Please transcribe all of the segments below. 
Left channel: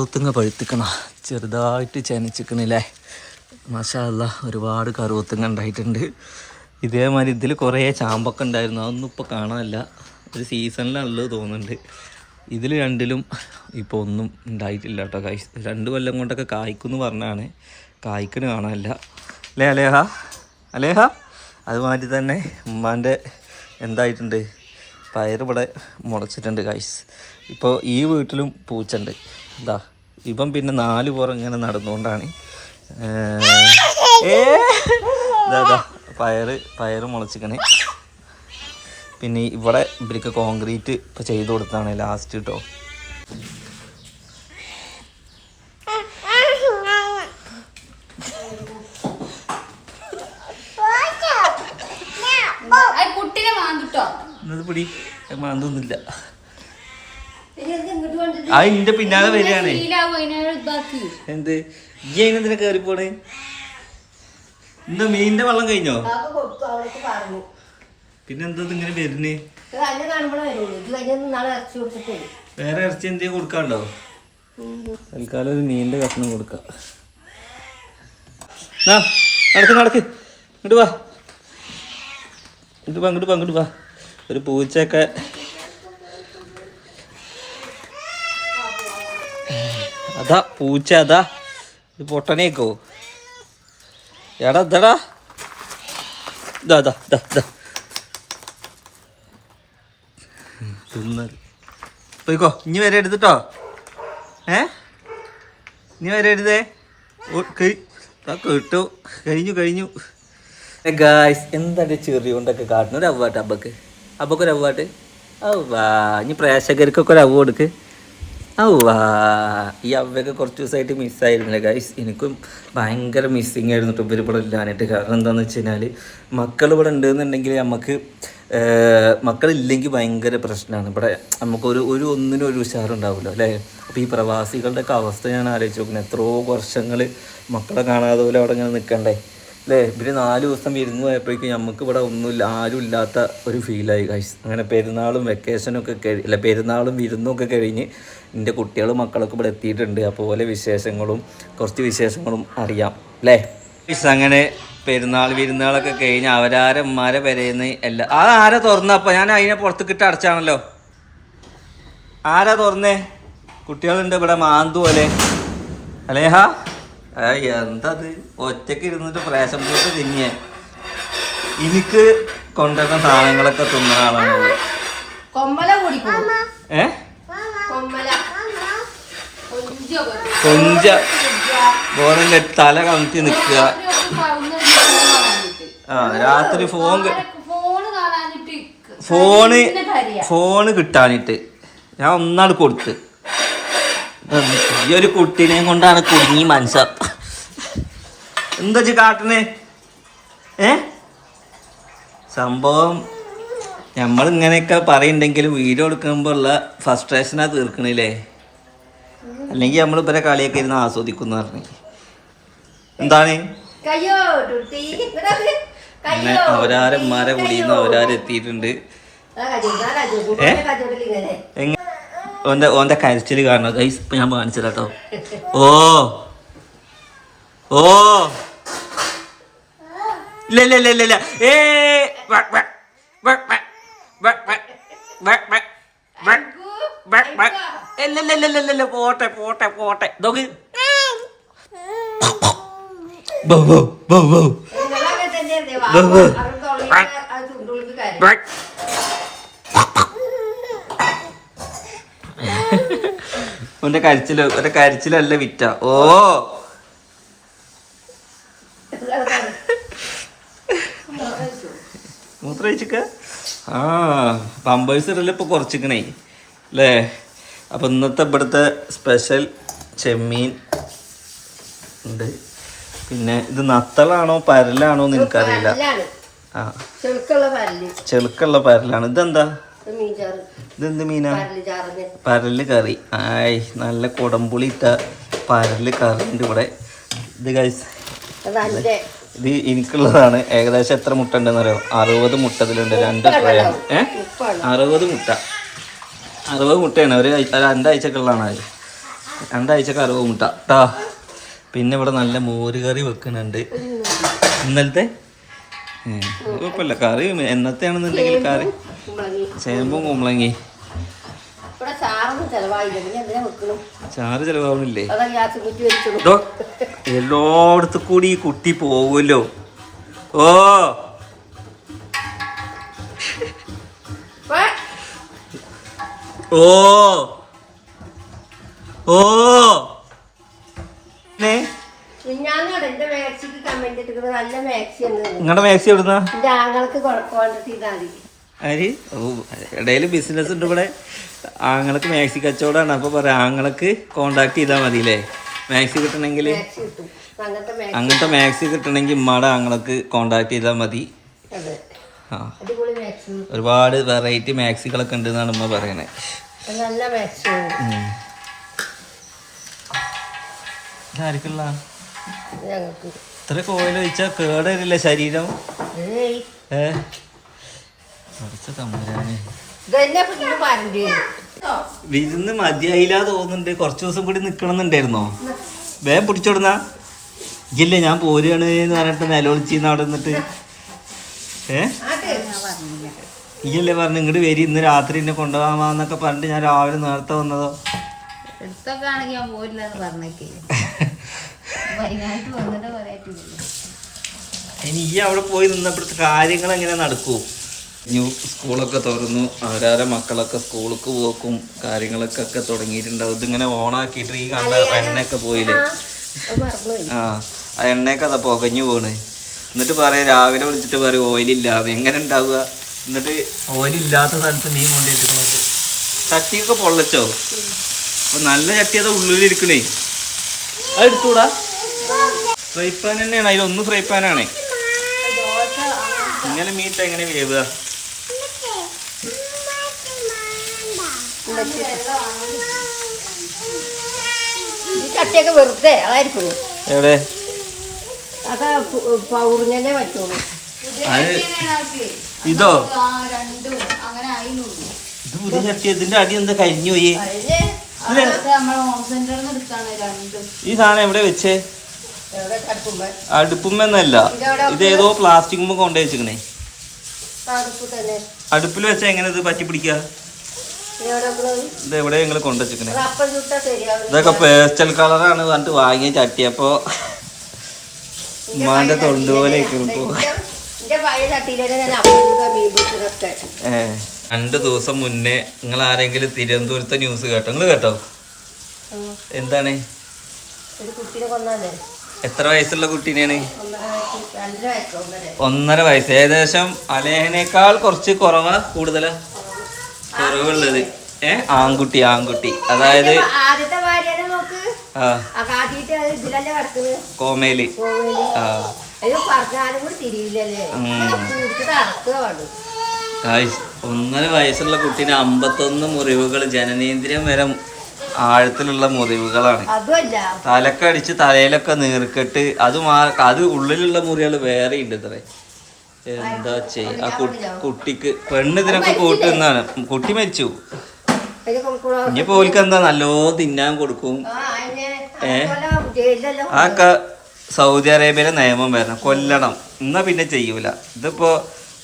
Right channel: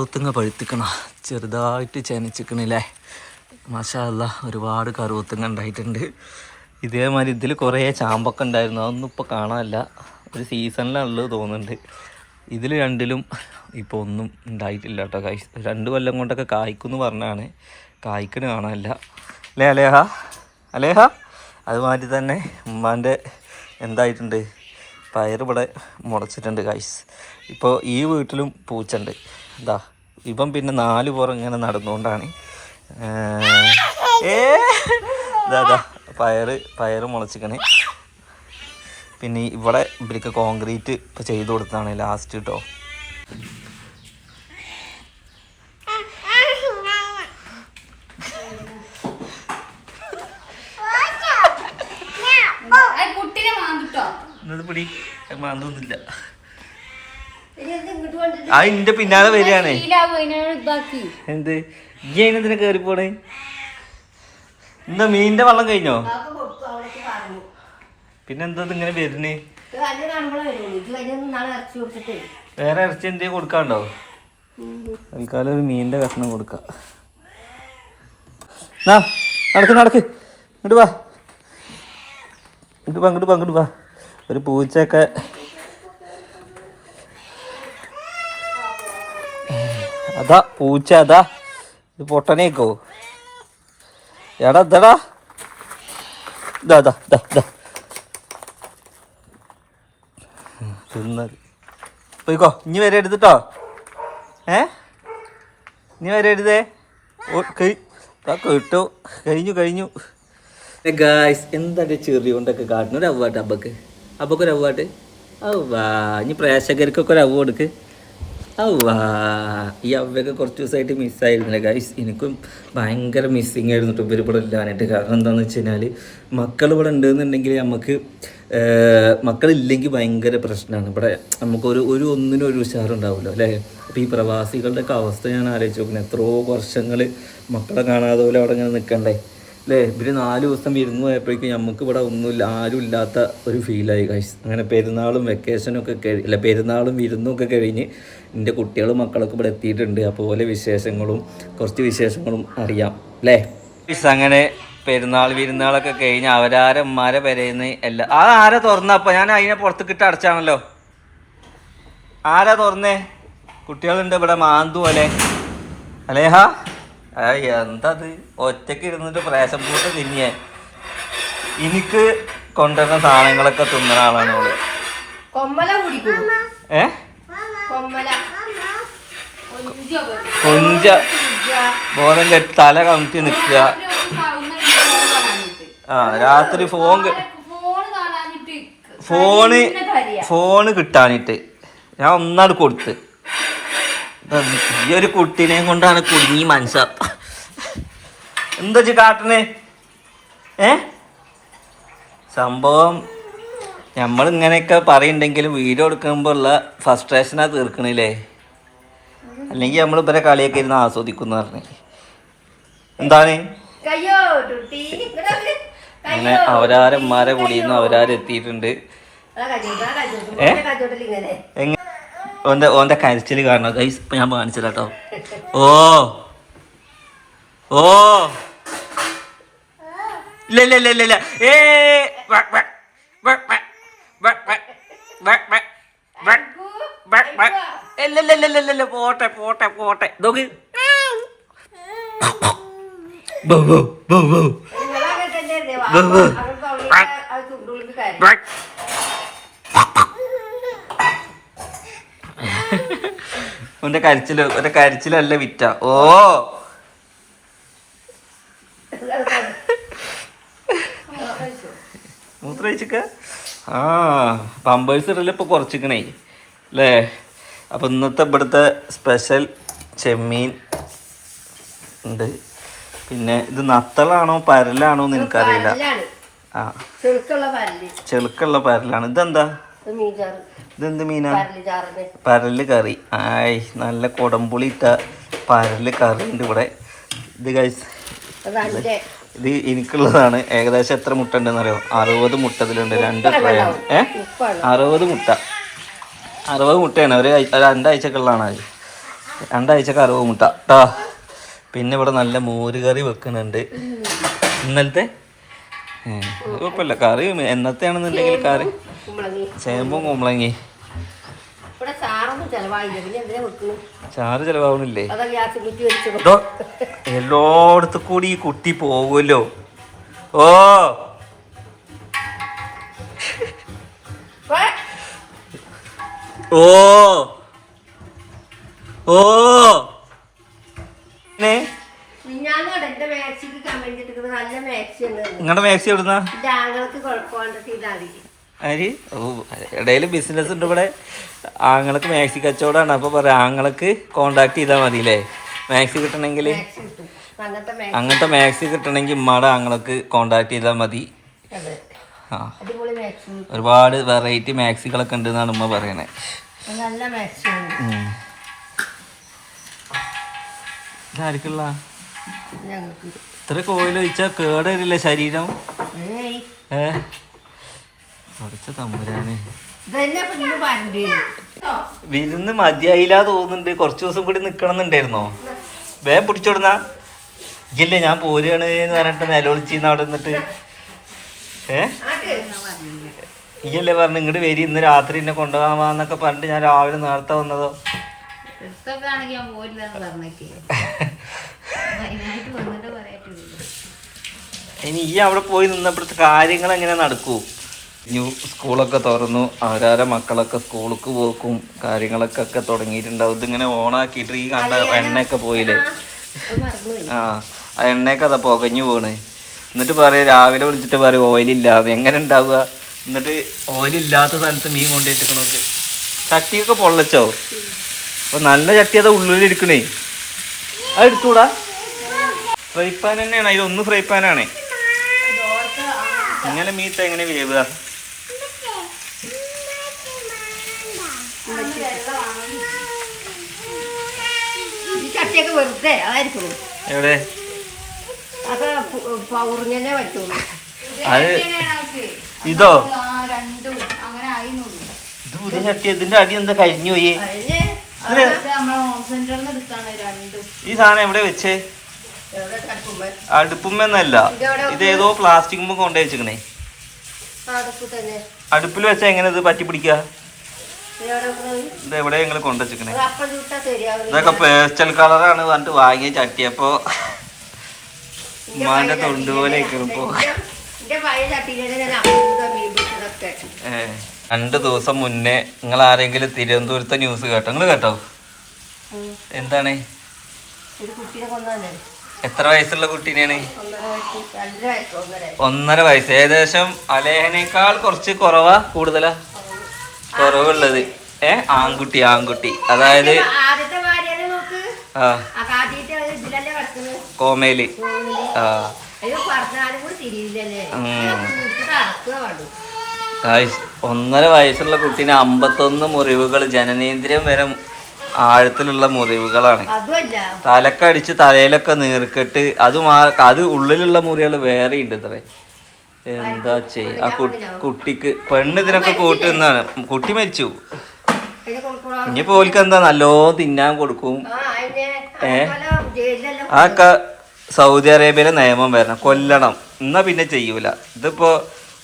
കറുത്തുങ്ങ പഴുത്തിക്കണ ചെറുതായിട്ട് ചെനച്ചിക്കണില്ലേ. മാഷാ അല്ലാഹ് ഒരുപാട് കറുത്തുങ്ങ ഉണ്ടായിട്ടുണ്ട്. ഇതേമാതിരി ഇതിൽ കുറേ ചാമ്പൊക്കെ ഉണ്ടായിരുന്നു, അതൊന്നും ഇപ്പോൾ കാണാനില്ല. ഒരു സീസണിലുള്ളത് തോന്നുന്നുണ്ട്. ഇതിൽ രണ്ടിലും ഇപ്പോൾ ഒന്നും ഉണ്ടായിട്ടില്ല കേട്ടോ. 2 കൊല്ലം കൊണ്ടൊക്കെ കായ്ക്കുമെന്ന് പറഞ്ഞാണ്, കായ്ക്കന് കാണാനില്ല അല്ലേ അലേഹ? അലേഹ അതുമാതിരി തന്നെ ഉമ്മാൻ്റെ എന്തായിട്ടുണ്ട്, പയർ ഇവിടെ മുളച്ചിട്ടുണ്ട് ഗൈസ്. ഇപ്പോൾ ഈ വീട്ടിലും പൂച്ചുണ്ട്. ഇതാ ഇപ്പം പിന്നെ 4 പുറം ഇങ്ങനെ നടന്നുകൊണ്ടാണ് ഇതാ പയർ മുളച്ചിക്കണേ. പിന്നെ ഇവിടെ ഇവർക്ക് കോൺക്രീറ്റ് ഇപ്പോൾ ചെയ്ത് കൊടുത്താണ് ലാസ്റ്റ് കേട്ടോ. പിടി മാന്തൊന്നുമില്ല, അത് ഇന്റെ പിന്നാലെ വരികയാണേ. എന്ത് ഇതിനെ കയറിപ്പോണേ? എന്താ മീനിന്റെ വെള്ളം കഴിഞ്ഞോ? പിന്നെന്താ ഇങ്ങനെ വരുന്നേ? വേറെ ഇറച്ചി എന്തെങ്കിലും കൊടുക്കാണ്ടോ? തൽക്കാലം ഒരു മീനിന്റെ കഷ്ണം കൊടുക്കാം. നടക്ക് ഇങ്ങോട്ട് വാ, അങ്ങോട്ട് വാ. ഒരു പൂച്ചയൊക്കെ അതാ പൂച്ച, അതാ ഇത് പൊട്ടനേക്കോ എടാ ഇതടാ. തിന്നത് പോയിക്കോ, ഇനി വരെ എടുത്തിട്ടോ. ഇനി വരെ എടുത്തേ. കിട്ടു, കഴിഞ്ഞു. ഗായ്സ് എന്താ ചെറിയ കൊണ്ടൊക്കെ കാട്ടണം. ഒരു അവ്വാട്ട് അബ്ബക്കൊരു അവ്വാട്ട്. ഔവാ ഇനി പ്രേക്ഷകർക്കൊക്കെ ഒരു അവ്വ കൊടുക്ക്. ഔവാ ഈ അവയൊക്കെ കുറച്ച് ദിവസമായിട്ട് മിസ്സായിരുന്നില്ല ഗൈസ്. എനിക്കും ഭയങ്കര മിസ്സിങ് ആയിരുന്നു കേട്ടോ ഇവർ ഇവിടെ ഇല്ലാനായിട്ട്. കാരണം എന്താണെന്ന് വെച്ച് കഴിഞ്ഞാൽ മക്കൾ ഇവിടെ ഉണ്ടെന്നുണ്ടെങ്കിൽ നമുക്ക് മക്കളില്ലെങ്കിൽ ഭയങ്കര പ്രശ്നമാണ്. ഇവിടെ നമുക്കൊരു ഒന്നിനും ഒരു ഉഷാറുണ്ടാവില്ല അല്ലേ. അപ്പോൾ ഈ പ്രവാസികളുടെയൊക്കെ അവസ്ഥ ഞാൻ ആലോചിച്ച് നോക്കുന്നത്. എത്രയോ വർഷങ്ങൾ മക്കളെ കാണാതെ പോലെ അവിടെ ഇങ്ങനെ നിൽക്കണ്ടേ അല്ലേ. ഇവർ 4 ദിവസം വിരുന്ന് പോയപ്പോഴേക്കും നമുക്ക് ഇവിടെ ഒന്നുമില്ല, ആരും ഇല്ലാത്ത ഒരു ഫീലായി ഗൈസ്. അങ്ങനെ പെരുന്നാളും വെക്കേഷനൊക്കെ പെരുന്നാളും വിരുന്നൊക്കെ കഴിഞ്ഞ് എൻ്റെ കുട്ടികളും മക്കളൊക്കെ ഇവിടെ എത്തിയിട്ടുണ്ട്. അപ്പോൾ കുറച്ച് വിശേഷങ്ങളും അറിയാം അല്ലേ. അങ്ങനെ വിരുന്നുകളൊക്കെ കഴിഞ്ഞ് അവരാരന്മാരെ വരയുന്ന എല്ലാം ആരാ തുറന്നപ്പോൾ ഞാൻ അതിനെ പുറത്തേക്കിട്ട് അടച്ചാണല്ലോ. ആരാ തുറന്നേ? കുട്ടികളുണ്ട് ഇവിടെ മാന്തു പോലെ. അലേഹ എന്തത് ഒറ്റയ്ക്ക് ഇരുന്നിട്ട് പ്രേശം പൂട്ട് തിന്നിയേ. എനിക്ക് കൊണ്ടുവരുന്ന സാധനങ്ങളൊക്കെ തിന്നുന്ന ആളാണ് അവള്. കൊഞ്ച ബോധം കെട്ടി തല കമത്തി നിൽക്കുക. രാത്രി ഫോണ് കിട്ടാനിട്ട് ഞാൻ ഒന്നാട് കൊടുത്ത്. ഈ ഒരു കുട്ടീനെയും കൊണ്ടാണ് കുടുങ്ങി മനസ്സാ. എന്താ കാട്ടണേ? സംഭവം നമ്മളിങ്ങനെയൊക്കെ പറയുന്നുണ്ടെങ്കിലും വീഡിയോ എടുക്കുമ്പോൾ ഉള്ള ഫ്രസ്ട്രേഷനാ തീർക്കണില്ലേ. അല്ലെങ്കിൽ നമ്മൾ ഇവരെ കളിയൊക്കെ ഇരുന്ന് ആസ്വദിക്കുന്നു പറഞ്ഞു. എന്താണ് അങ്ങനെ അവരാരന്മാരെ കൂടിയിരുന്നു അവരാരെത്തിയിട്ടുണ്ട്. ഓന്റെ കരച്ചിൽ കാണണം ഗൈസ്. ഇപ്പൊ ഞാൻ കാണിച്ചു കേട്ടോ. ഓ ഇല്ല പോട്ടെ നോക്ക്. ഓന്റെ കരച്ചിലല്ല വിറ്റ. മൂത്രയിച്ചിക്ക. പമ്പേഴ്സ് ഇടല് ഇപ്പൊ കുറച്ചിക്കണേ അല്ലേ. അപ്പൊ ഇന്നത്തെ ഇവിടുത്തെ സ്പെഷ്യൽ ചെമ്മീൻ ഉണ്ട്. പിന്നെ ഇത് നത്തലാണോ പരലാണോ എന്ന് എനിക്കറിയില്ല. ചെളുക്കുള്ള പരലാണ്. ഇതെന്താ? ഇതെന്ത് മീനാ? പരല് കറി. നല്ല കുടംപുളി ഇട്ട പരല് കറി ഉണ്ട് ഇവിടെ. ഇത് ഗൈസ് ഇത് എനിക്കുള്ളതാണ്. ഏകദേശം എത്ര മുട്ട ഉണ്ടെന്ന് അറിയോ? 60 മുട്ട ഇതിലുണ്ട്. 2 ട്രേ ആണ്. 60 മുട്ട. 60 മുട്ടയാണ്. ഒരു 2 ആഴ്ചക്കുള്ളതാണ് അത്. 2 കറവ് മുട്ട കേട്ടോ. പിന്നെ ഇവിടെ നല്ല മോര് കറി വെക്കുന്നുണ്ട്. ഇന്നലത്തെ കുഴപ്പമില്ല, കറി എന്നത്തെയാണെന്നുണ്ടെങ്കിൽ കറി ചേമ്പും കുമ്പളങ്ങി. ചാറ് ചെലവാവണില്ലേ? എല്ലായിടത്തും കൂടി ഈ കുട്ടി പോകുമല്ലോ. ഓ ഓ ഓ നിങ്ങളുടെ മാക്സി എവിടുന്നാ? ആര്? ഓ, ഇടയിൽ ബിസിനസ് ഉണ്ട് ഇവിടെ. ആങ്ങൾക്ക് മാക്സി കച്ചവടമാണ്. അപ്പോൾ പറയാം ആങ്ങൾക്ക് കോണ്ടാക്ട് ചെയ്താൽ മതി അല്ലേ മാക്സി കിട്ടണമെങ്കിൽ. അങ്ങനത്തെ മാക്സി കിട്ടണമെങ്കിൽ ഉമ്മാടെ ആങ്ങൾക്ക് കോണ്ടാക്ട് ചെയ്താൽ മതി. ആ, ഒരുപാട് വെറൈറ്റി മാക്സികളൊക്കെ ഉണ്ട് എന്നാണ് ഉമ്മ പറയണേ. ആർക്കുള്ള ഇത്ര കോയിൽ ഒഴിച്ചാൽ കേടരില്ല ശരീരം? പഠിച്ച തമ്പുരാന് വിരുന്ന് മതിയായില്ല തോന്നുന്നുണ്ട്. കുറച്ച് ദിവസം കൂടി നിക്കണം എന്നുണ്ടായിരുന്നോ? വേഗം പിടിച്ചോടുന്ന ഇല്ലേ ഞാൻ പോരുകയാണ് എന്ന് പറഞ്ഞിട്ട് നിലവിളിച്ചിന്ന് അവിടെ നിന്നിട്ട്. ഈയല്ലേ പറഞ്ഞു ഇങ്ങോട്ട് വരി, ഇന്ന് രാത്രി എന്നെ കൊണ്ടുപോകാന്നൊക്കെ പറഞ്ഞിട്ട് ഞാൻ രാവിലെ നേരത്തെ വന്നതോ. ഇനി ഈ അവിടെ പോയി നിന്നപ്പോഴത്തെ കാര്യങ്ങൾ എങ്ങനെ നടക്കൂ? ന്യൂ സ്കൂളൊക്കെ തുറന്നു, അവരാരെ മക്കളൊക്കെ സ്കൂൾക്ക് പോക്കും കാര്യങ്ങളൊക്കെ തുടങ്ങിയിട്ടുണ്ടാവും. ഇതിങ്ങനെ ഓണാക്കിയിട്ട് ഈ കണ്ട എണ്ണയൊക്കെ പോയില്ലേ? ആ എണ്ണയൊക്കെ അതാ പുകഞ്ഞു പോണ്. എന്നിട്ട് പറയാം രാവിലെ വിളിച്ചിട്ട് പറയും ഓയിലില്ല. എങ്ങനെ ഉണ്ടാവുക? എന്നിട്ട് ഓയിലില്ലാത്ത സ്ഥലത്ത് മീൻ കൊണ്ടിരിക്കണത് ചട്ടിയൊക്കെ പൊള്ളച്ചോ? അപ്പൊ നല്ല ചട്ടി അതാ ഉള്ളിലിരിക്കണേ. അത് എടുത്തൂടാ? ഫ്രൈ പാൻ തന്നെയാണ്, അതിലൊന്ന് ഫ്രൈ പാനാണ്. ഇങ്ങനെ മീറ്റ എങ്ങനെ വേവുക? എവിടെ അത് ഇതോ? ഇത് പുതിയ ചട്ടി. ഇതിന്റെ അടി എന്താ കരിഞ്ഞു പോയി? ഈ സാധനം എവിടെ വെച്ചേ? അടുപ്പുമെന്നല്ല, ഇത് ഏതോ പ്ലാസ്റ്റിക് കൊണ്ടു വെച്ചിക്കണേ. അടുപ്പിൽ വെച്ചാ എങ്ങനെ ഇത് പറ്റി പിടിക്കുക? ഇത് എവിടെ നിങ്ങൾ കൊണ്ടുവച്ചിക്കണേ? ഇതൊക്കെ പേസ്റ്റൽ കളറാണ് പറഞ്ഞിട്ട് വാങ്ങിയ ചട്ടിയപ്പോ ഉമ്മാന്റെ തൊണ്ട് പോലെ ഇരിക്കണിപ്പോ. 2 ദിവസം മുന്നേ നിങ്ങൾ ആരെങ്കിലും തിരുവനന്തപുരത്തെ ന്യൂസ് കേട്ടോ? നിങ്ങൾ കേട്ടോ? എന്താണ്? എത്ര വയസ്സുള്ള കുട്ടീനെയാണ്? 1.5 വയസ്സ്. ഏകദേശം അലേഹനേക്കാൾ കുറച്ച് കുറവാ? കൂടുതലാ? കുറവുള്ളത്. ആൺകുട്ടി. അതായത് കോമയില്. ഒന്നര വയസ്സുള്ള കുട്ടീന് 51 മുറിവുകൾ, ജനനേന്ദ്രിയം വരെ ആഴത്തിലുള്ള മുറിവുകളാണ്. തലക്കടിച്ച് തലയിലൊക്കെ നീർക്കെട്ട്. അത് ഉള്ളിലുള്ള മുറികൾ വേറെ ഉണ്ട്. ഇത്ര എന്താ ചെയ്യ? ആ കുട്ടിക്ക് പെണ്ണ് ഇതിനൊക്കെ കൂട്ടുന്നതാണ്. കുട്ടി മരിച്ചു. ഇനിയിപ്പോ ഓൽക്ക് എന്താ നല്ലോ തിന്നാൻ കൊടുക്കും. ആക്ക സൗദി അറേബ്യയിലെ നിയമം വരണം, കൊല്ലണം, എന്നാ പിന്നെ ചെയ്യൂല. ഇതിപ്പോ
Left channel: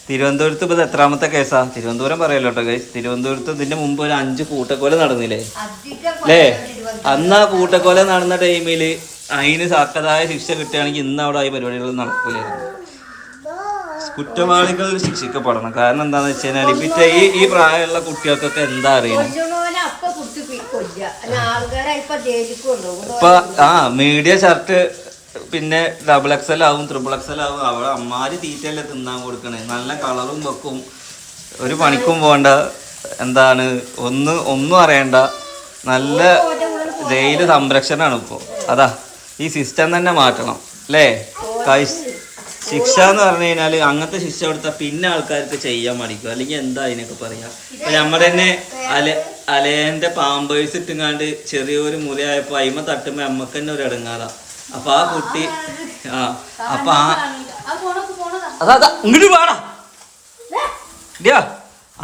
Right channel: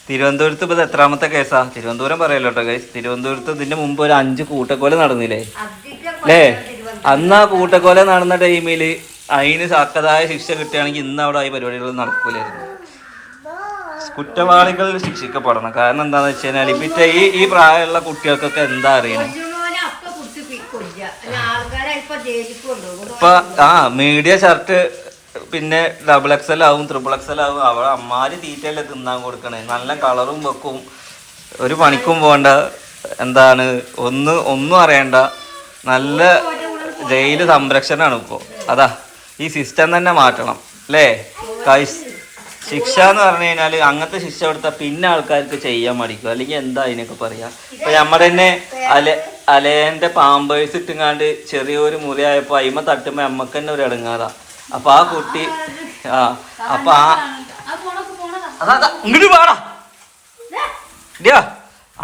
തിരുവനന്തപുരത്ത് ഇപ്പൊ എത്രാമത്തെ കേസാ? തിരുവനന്തപുരം പറയല്ലോ കേട്ടോ ഗൈസ്. തിരുവനന്തപുരത്ത് ഇതിന്റെ മുമ്പ് ഒരു 5 കൂട്ടക്കൊല നടന്നില്ലേ അല്ലേ? അന്ന് ആ കൂട്ടക്കൊല നടന്ന ടൈമില് അതിന് തക്കതായ ശിക്ഷ കിട്ടുകയാണെങ്കിൽ ഇന്ന് അവിടെ ഈ പരിപാടികൾ നടക്കൂലായിരുന്നു. കുറ്റവാളികൾ ശിക്ഷിക്കപ്പെടണം. കാരണം എന്താന്ന് വെച്ച് കഴിഞ്ഞാൽ ഇപ്പൊ ഈ പ്രായമുള്ള കുട്ടികൾക്കൊക്കെ എന്താ അറിയണേ? ഇപ്പൊ മീഡിയ ഷർട്ട് പിന്നെ XXL ആവും, XXL ആവും. അവിടെ അമ്മാര് തീറ്റയല്ലേ തിന്നാൻ കൊടുക്കണേ. നല്ല കളറും വെക്കും, ഒരു പണിക്കും പോകണ്ട, എന്താണ് ഒന്നും അറിയണ്ട, നല്ല ജയില് സംരക്ഷണമാണ് ഇപ്പോൾ. അതാ ഈ സിസ്റ്റം തന്നെ മാറ്റണം അല്ലേ? ശിക്ഷ എന്ന് പറഞ്ഞു കഴിഞ്ഞാൽ അങ്ങനത്തെ ശിക്ഷ കൊടുത്താൽ പിന്നെ ആൾക്കാർക്ക് ചെയ്യാൻ മടിക്കും. അല്ലെങ്കിൽ എന്താ അതിനൊക്കെ പറയാ? ഇപ്പൊ നമ്മൾ തന്നെ അലേന്റെ പാമ്പേഴ്സ് ഇട്ടുങ്ങാണ്ട് ചെറിയൊരു മുറിയായപ്പോ അയിമ തട്ടുമ്പോ നമ്മക്ക് തന്നെ ഒരു ഇടങ്ങാതാ. അപ്പൊ ആ കുട്ടി അപ്പൊ അതാ ഇങ്ങോട്ട് പാടാ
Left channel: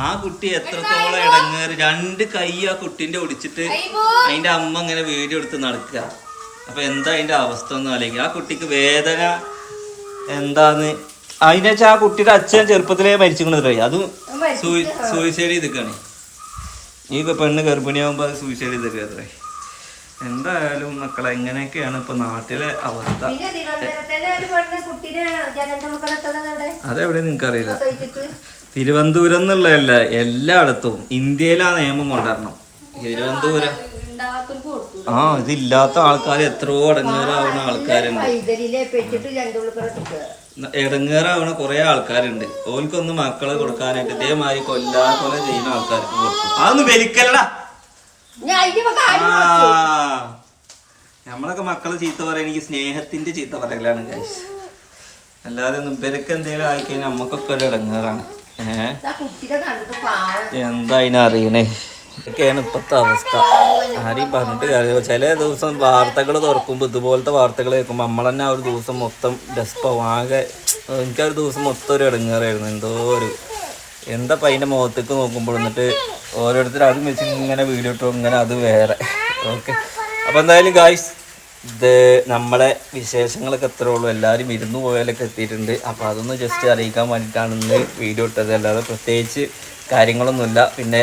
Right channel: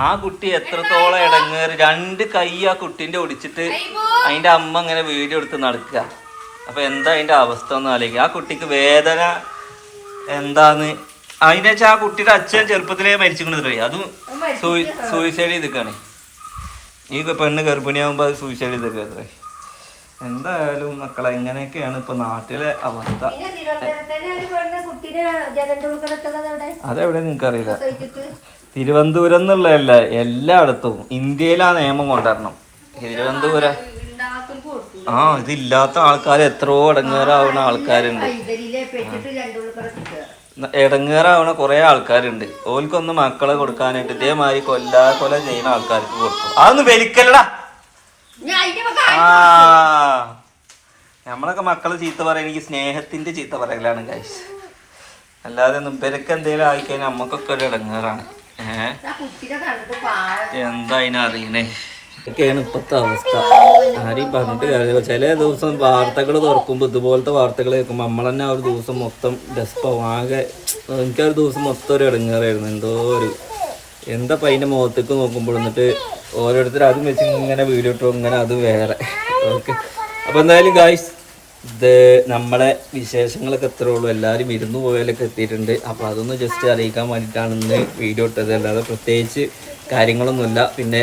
ആ കുട്ടി എത്രത്തോളം ഇടങ്ങേറ്, 2 കൈ ആ കുട്ടീൻ്റെ ഒടിച്ചിട്ട് അതിൻ്റെ അമ്മ ഇങ്ങനെ വീഡിയോ എടുത്ത് നടക്കുക. അപ്പൊ എന്താ അതിന്റെ അവസ്ഥ ഒന്ന് ആലോചിക്കുക. ആ കുട്ടിക്ക് വേദന എന്താന്ന് അതിനെ വെച്ചാൽ ആ കുട്ടിയുടെ അച്ഛൻ ചെറുപ്പത്തിലേ മരിച്ചിരിക്കണത്. അതും സൂയിസൈഡ് ചെയ്തിക്കാണ്. ഈ പെണ്ണ് ഗർഭിണിയാകുമ്പോൾ അത് സൂയിസൈഡ് ചെയ്തിട്ട്. എന്തായാലും മക്കളെ എങ്ങനെയൊക്കെയാണ് ഇപ്പൊ നാട്ടിലെ അവസ്ഥ. അതെവിടെ നിങ്ങൾക്കറിയില്ല. തിരുവനന്തപുരം എന്നുള്ളതല്ല, എല്ലായിടത്തും ഇന്ത്യയിൽ ആ നിയമം കൊണ്ടുവരണം. തിരുവനന്തപുരം ഇതില്ലാത്ത ആൾക്കാർ എത്രയോ ഇടങ്ങേറാവുന്ന ആൾക്കാരുണ്ട്. ഇടങ്ങേറാവണ കുറെ ആൾക്കാരുണ്ട്. ഓൽക്കൊന്ന് മക്കളെ കൊടുക്കാനായിട്ട് ഇതേമാതിരി കൊല ചെയ്യുന്ന ആൾക്കാർക്ക് കൊടുക്കും. അതൊന്ന് വലിക്കലടാ. നമ്മളൊക്കെ മക്കളെ ചീത്ത പറയാൻ എനിക്ക് സ്നേഹത്തിന്റെ ചീത്ത പറയലാണ് ഗൈസ്. അല്ലാതെ ഇവരൊക്കെ എന്തെങ്കിലും ആയിക്കഴിഞ്ഞാൽ നമ്മക്കൊക്കെ ഒരു ഇടങ്ങേറാണ്. എന്താ അതിനറിയണേ. ഇതൊക്കെയാണ് ഇപ്പോഴത്തെ അവസ്ഥ. ആരെയും പറഞ്ഞിട്ട് കാര്യമില്ല. ചില ദിവസം വാർത്തകൾ തുറക്കുമ്പോൾ ഇതുപോലത്തെ വാർത്തകൾ കേൾക്കുമ്പോൾ നമ്മൾ തന്നെ ആ ഒരു ദിവസം മൊത്തം ഡെസ്പാവും. ആകെ എനിക്കാ ഒരു ദിവസം മൊത്തം ഒരു ഇടങ്ങേറായിരുന്നു. എന്തോ ഒരു എന്താ അതിൻ്റെ മുഖത്തേക്ക് നോക്കുമ്പോൾ എന്നിട്ട് ഓരോരുത്തർ അതും വെച്ച് ഇങ്ങനെ വീഡിയോ ഇട്ടോ ഇങ്ങനെ അത് വേറെ. ഓക്കെ, അപ്പോൾ എന്തായാലും ഗായ്സ് ഇത് നമ്മളെ വിശേഷങ്ങളൊക്കെ എത്രേ ഉള്ളൂ. എല്ലാവരും വിരുന്ന് പോയാലൊക്കെ എത്തിയിട്ടുണ്ട്. അപ്പോൾ അതൊന്ന് ജസ്റ്റ് അറിയിക്കാൻ വേണ്ടിയിട്ടാണ് ഇന്ന് വീഡിയോ ഇട്ടത്. അല്ലാതെ പ്രത്യേകിച്ച് കാര്യങ്ങളൊന്നുമില്ല. പിന്നെ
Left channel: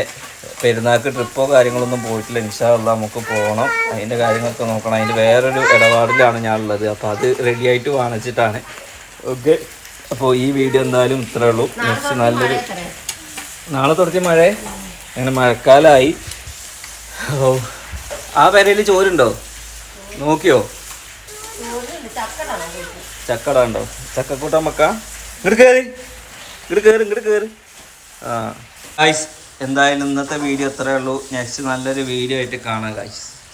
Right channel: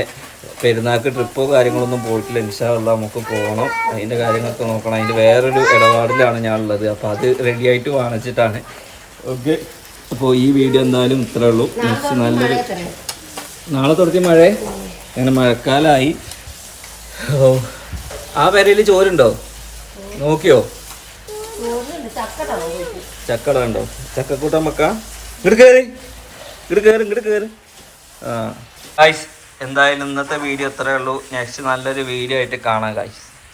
പെരുന്നാൾക്ക് ട്രിപ്പോ കാര്യങ്ങളൊന്നും പോയിട്ടില്ല. ഇൻഷാ അല്ലാഹ് നമുക്ക് പോകണം. അതിൻ്റെ കാര്യങ്ങളൊക്കെ നോക്കണം. അതിൻ്റെ വേറൊരു ഇടപാടിലാണ് ഞാനുള്ളത്. അപ്പോൾ അത് റെഡി ആയിട്ട് വാങ്ങിച്ചിട്ടാണ്. ഓക്കെ, അപ്പോൾ ഈ വീഡിയോ എന്തായാലും ഇത്രേ ഉള്ളൂ. നെക്സ്റ്റ് നല്ലൊരു നാളെ തുടങ്ങി മഴ ഇങ്ങനെ മഴക്കാലമായി. ആ പെരയിൽ ചോറുണ്ടോ നോക്കിയോ? ചക്കട ഉണ്ടോ? ചക്കക്കൂട്ടം വെക്കാം. ഇങ്ങോട്ട് കയറി. ആ ഗായ്സ്, എന്തായാലും ഇന്നത്തെ വീഡിയോ ഇത്രയേ ഉള്ളൂ. നെക്സ്റ്റ് നല്ലൊരു വീഡിയോ ആയിട്ട് കാണാം ഗായ്സ്.